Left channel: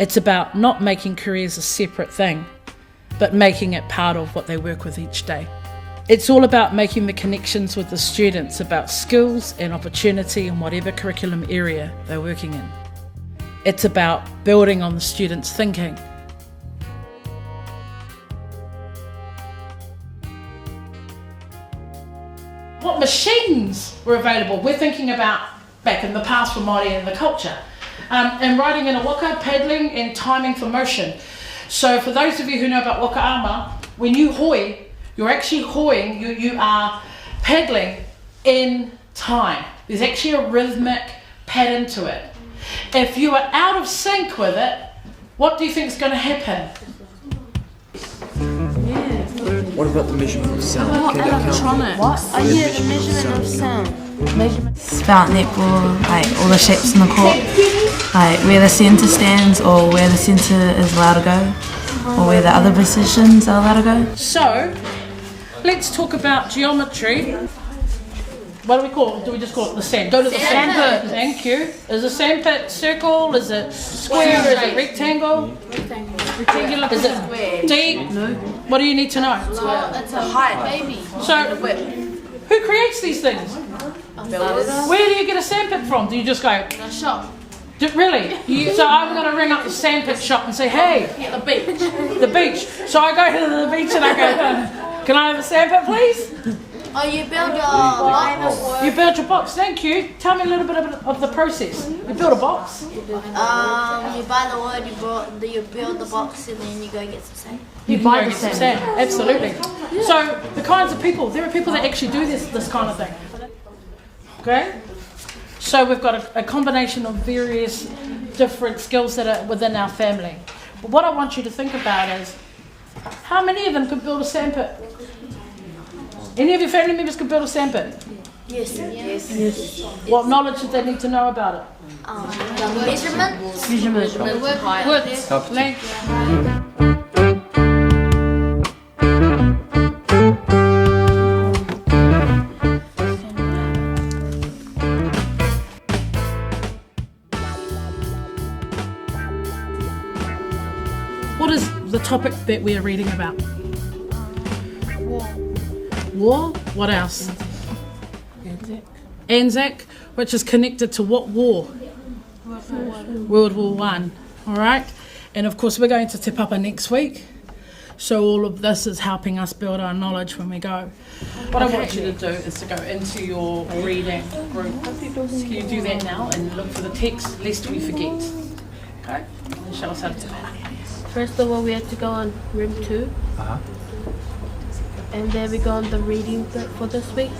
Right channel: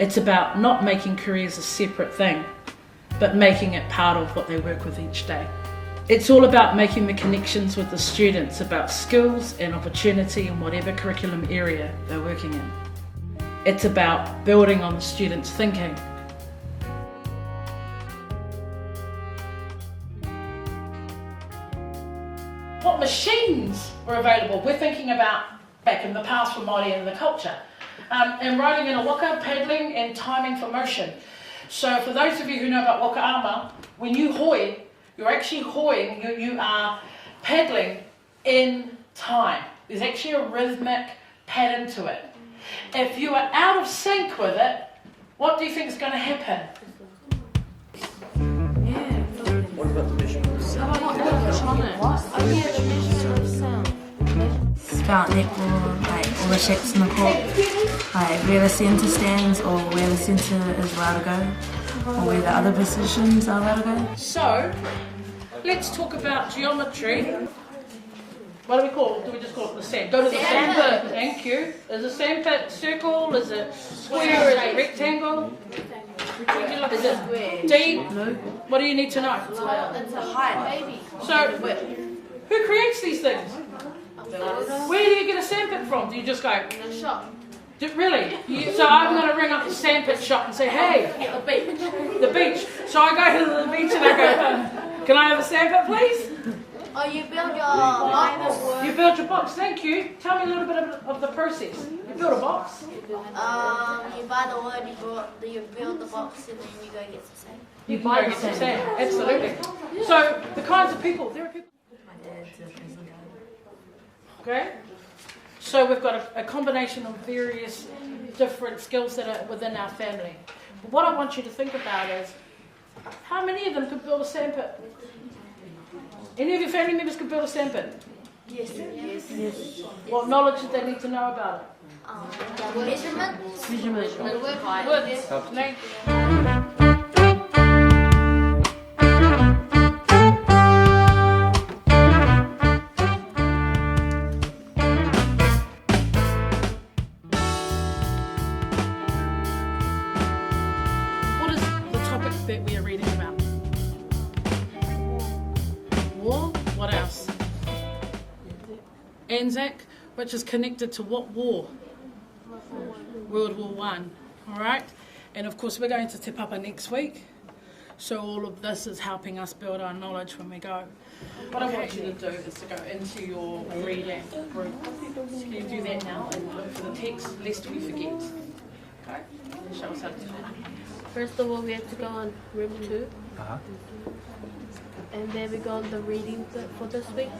It's about not making careers a separate thing, but making it part of what they work with each day. It's all about making the connections with the students about skills and opportunity in whatever curriculum area they're working in. It's about building on the students' thinking. What machines were available? We're thinking about back in the past for Māori and the culture. And riding in a waka, paddling and timing for motion. So for those of you who know about waka ama, when you hoi, you're actually hoiing, you are paddling in time. There's actually a rhythmic pattern to it. If you are out of sync with it, what do you think is going to happen? What about the measurement of sound? Yeah, the measurement of sound. It's about netball, like all the shapes in the court, like where the centre stands or where the centre is allowed to go or where the other positions are allowed to go. So, let's talk about geometry. What do we call it? Do we just call it the sand? Go to the sand pit. Thank you. Is a sand pit circle? Is it square? Is it rectangle? Rectangular. Is it deep? No. What do you need to know? It's a height. So, who creates these things? Where do you get a sandpit from? Do you just go? The shop. Really? So I'm going to ring up the sandpit shop and say, hey, The beach. the beach. So I go to the beach and I go, can I have a sandpit, please? Oh, you build your line of work. You built your box, thank you. Tell me a little bit of the process. You build a box. You buy the wood, you build the box, and then you go get some sand. You can go and get some sand. Absolutely. So the kinds of people, there are people that actually do this kind of thing. Okay? So we've got a combination of various different skills that are within our family. But what I want you to think about is, how many of them could build a sandpit? Any of your family members could build a sandpit? Yes. What knowledge did they need to know about it? Measurement. Width, length. What is the topic that we are reading about? War? What else? Anzac, which is connected to what war? World War One. All right, and of course we're going to Te Papa next week, so all of this is helping us build our knowledge when we go. What I want you to do is to go into your reading group. Can you do that now and look for the text lest we forget? Okay, and show us how to do that. First of all, we have to go on room 2. And then we go on the reading for this week.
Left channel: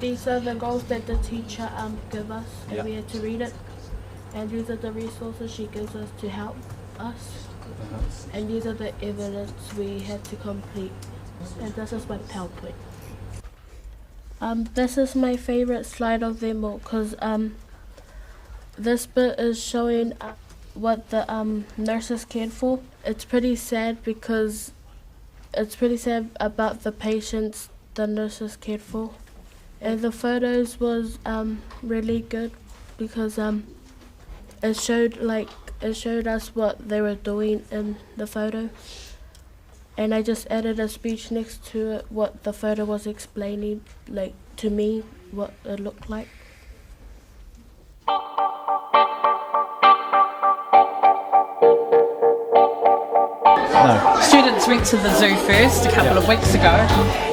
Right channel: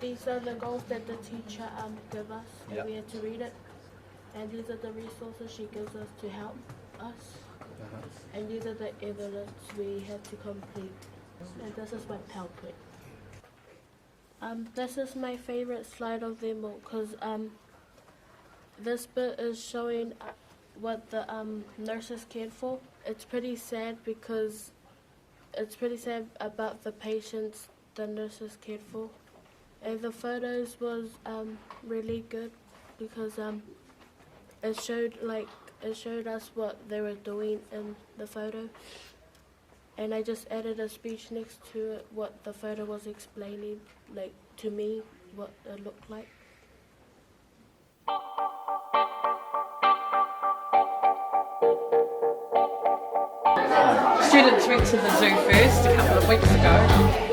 These are the goals that the teacher gave us, and we had to read it. And these are the resources she gives us to help us. And these are the evidence we had to complete. And this is my PowerPoint. This is my favorite slide of them all, because this bit is showing what the nurses cared for. It's pretty sad because it's pretty sad about the patients the nurses cared for. And the photos was really good because it showed us what they were doing in the photo. And I just added a speech next to it, what the photo was explaining, like to me, what it looked like. Students went to the zoo first a couple of weeks ago,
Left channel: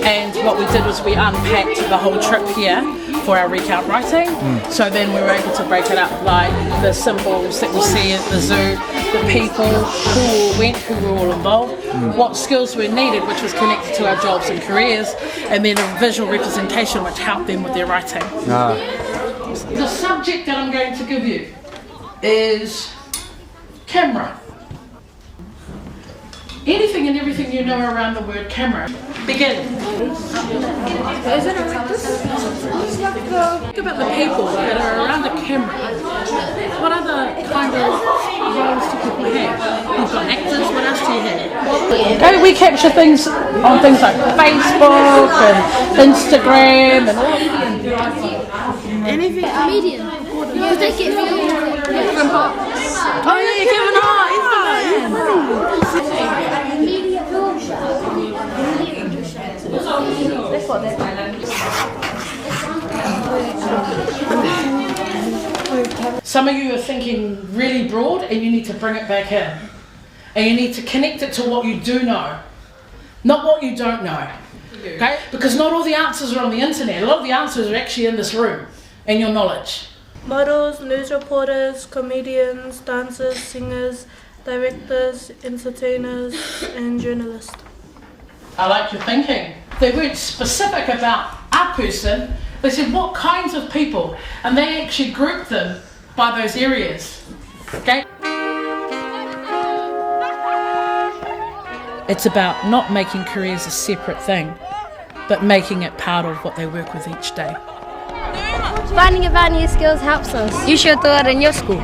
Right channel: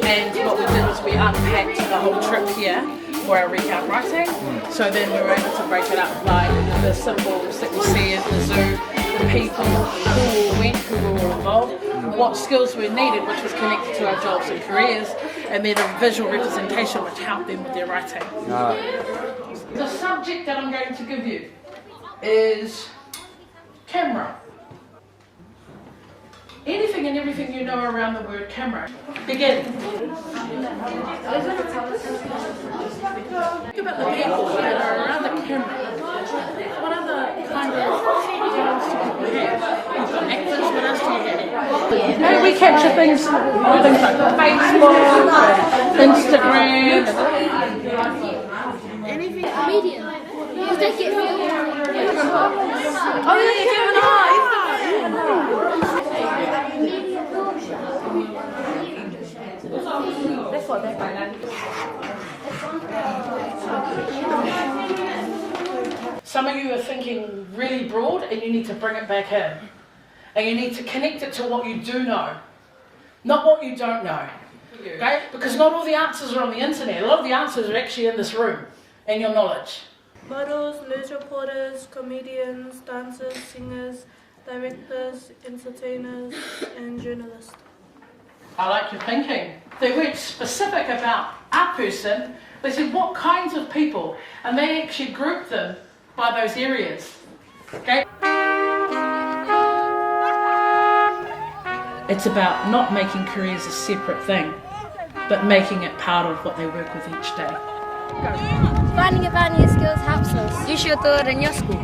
and what we did was we unpacked the whole trip here for our recount writing. So then we were able to break it up like the symbols that we see at the zoo, the people who went, who were all involved, what skills were needed, which was connected to our jobs and careers, and then a visual representation which helped them with their writing. The subject that I'm going to give you is camera. Anything and everything you know around the word camera. Begin. Think about the people that are around the camera. What other kind of roles do people have? You've got actors, what else do you have? Okay, we capture things on things like Facebook and Instagram. Anything comedian. Use Oh yeah, Kevin Hart, Some of you are thinking really broad and you need to bring it back in. And you need to connect it to what you do know, not what you don't know. Okay? Because not all the answers are on the internet. A lot of the answers are actually in this room, in your knowledge. Models, news reporters, comedians, dancers, singers, directors, entertainers, and journalists. I like your thinking. They weren't specific about our person, they said what kinds of people, and they actually grouped them by those areas. Okay? It's about not making careers a separate thing, but making it part of what they work with each day. Finding about new skills helps us. You should do it in your school.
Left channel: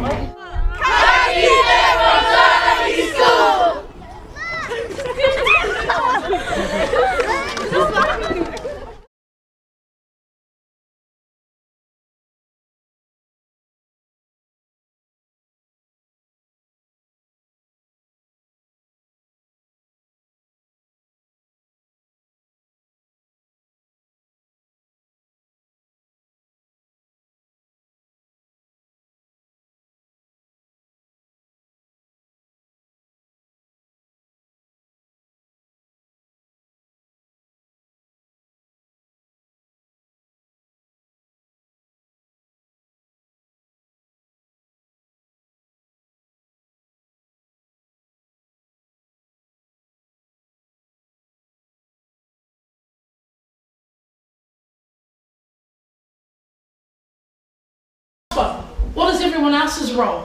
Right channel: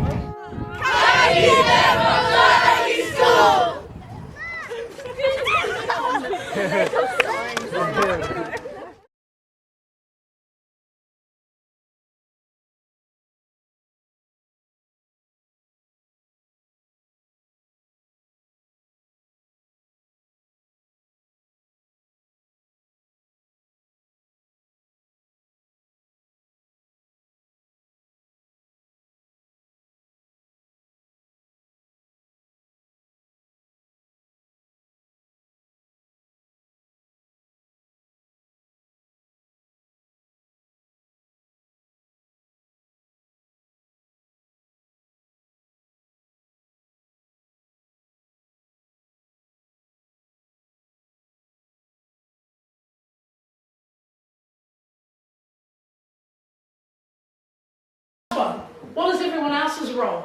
What is everyone else's role?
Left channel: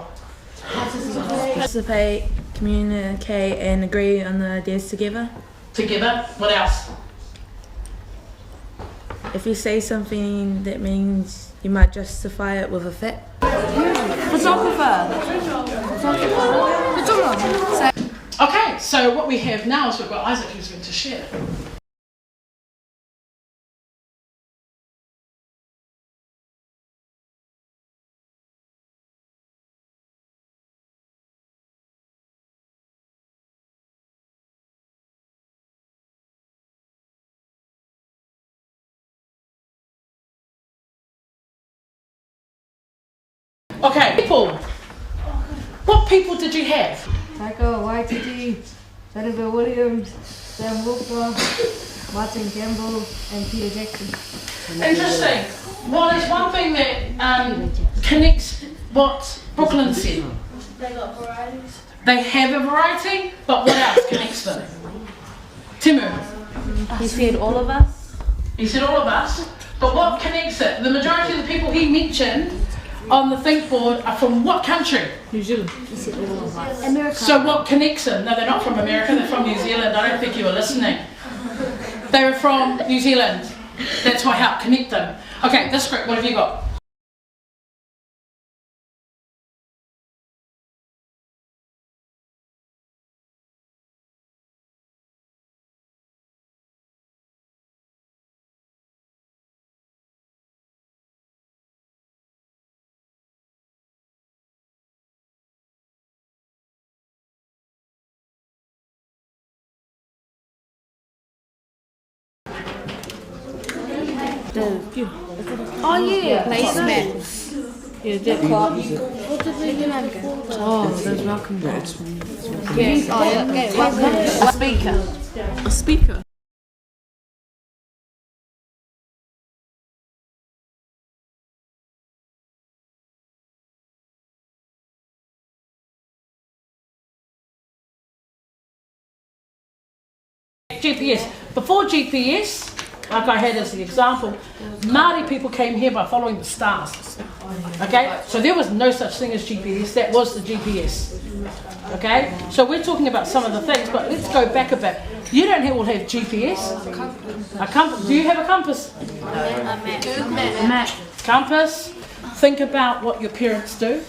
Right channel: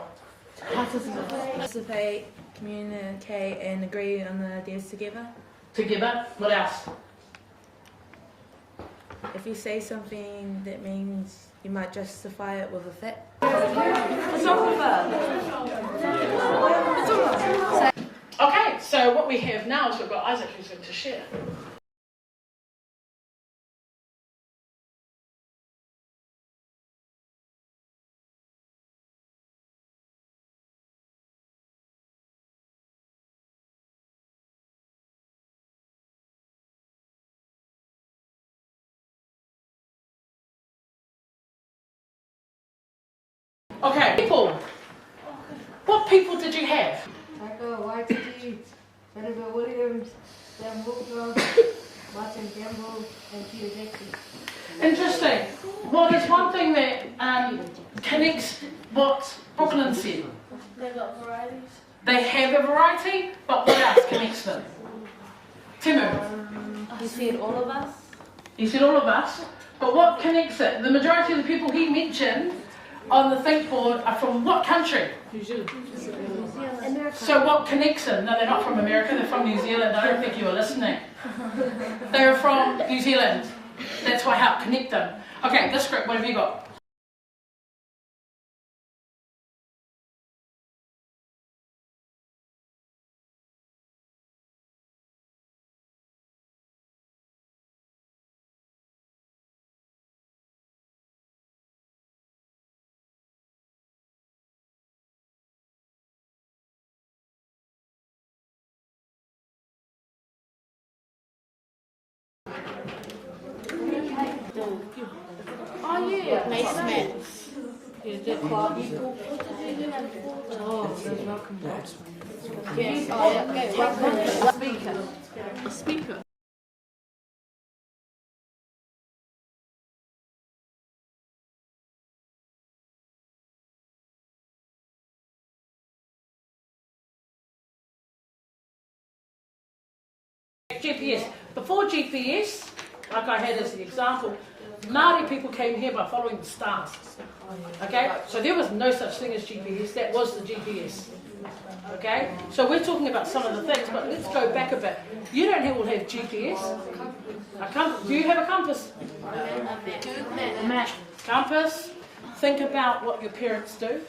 Participate, communicate, and agree on the ideas together. Together, what else? If you say something, that means you might justify it with a fact. Okay, so what we have now is we've got Isaac who's going to share. Okay, people. What people did you have? Taika Waititi, Jennifer Williams, Sam Walker, Martin Campbell, and Peter Jackson. Interesting. Well, it's one thing that connects what Brooklyn said. They got varieties. They have a variety, but what else connects them? Timu. He said all of us. He said all of us, but what connects it? The majority of the people he mentioned on the think board are from what country? New Zealand. America. So what connects them? No, they're not from America, they're from New Zealand. I don't think you were listening. They're from New Zealand. That's what helped connect them. Okay, this group, what have you got? Oh yeah. Placements. Yeah, that What did we do again? Oh, those welcome bags. Yes. Oh yeah. Okay. A speaker. A speaker. GPS. Before GPS, like I had as the example, Māori people came here by following the stars. Okay? So there was no such thing as GPS, that was the GPS. Okay? So we're talking about some of the things, but let's go back a bit. You don't all have GPS. A compass. Do you have a compass? A map. Compass. Think about what your parents do.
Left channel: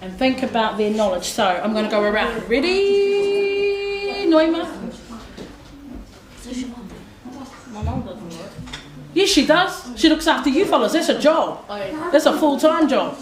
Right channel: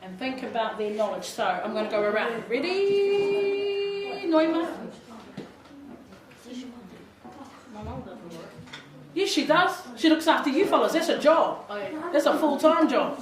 And think about their knowledge. So I'm going to go around. Ready? Noima? Yeah, Yes, she does. She looks after you fellas. That's a job. That's a full-time job.